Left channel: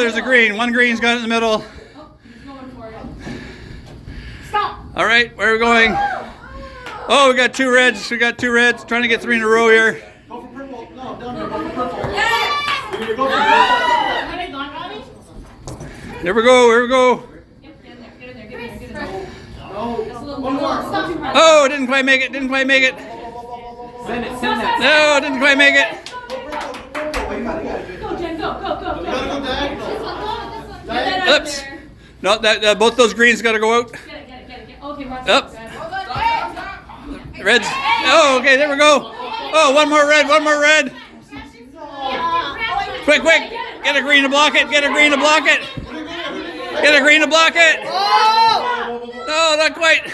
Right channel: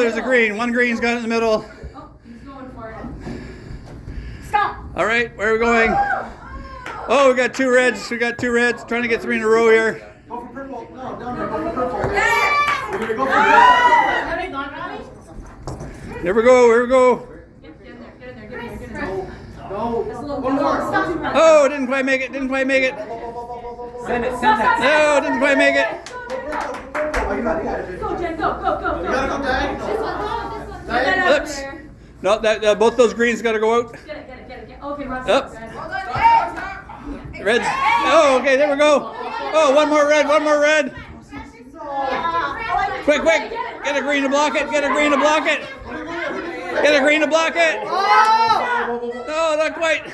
there's a green. One green's got it in the middle. Oh, he's going for it. Stop. All right, where are we going? Oh, we got 2 reds. We got 2 reds. Trying to get 3 in a row here. Go for purple. No, down there. Go for purple. Yes. Go for purple. Have they gone, Ronnie? Here we go. Here we go. Yep, get in there. Get in there. Get in there. Get in there. No. That's a little One more. Stop too much. Oh, didn't quite make it. Didn't quite make it. Send it, send that. No, didn't quite make it. Oh, you got it. Go, Jen. Go, go, go, You gotta go. go diagonal. Get that out Oops. there. No, that both those greens got to go out. Get it, get it, get it, get it. Okay, Ross. Up. Good. Reds. Oh, okay, there we go. Oh, one more red. One more red. Quick, quick. Get a green to block it. Get a green to block it. Get a green to block it. No, not quite.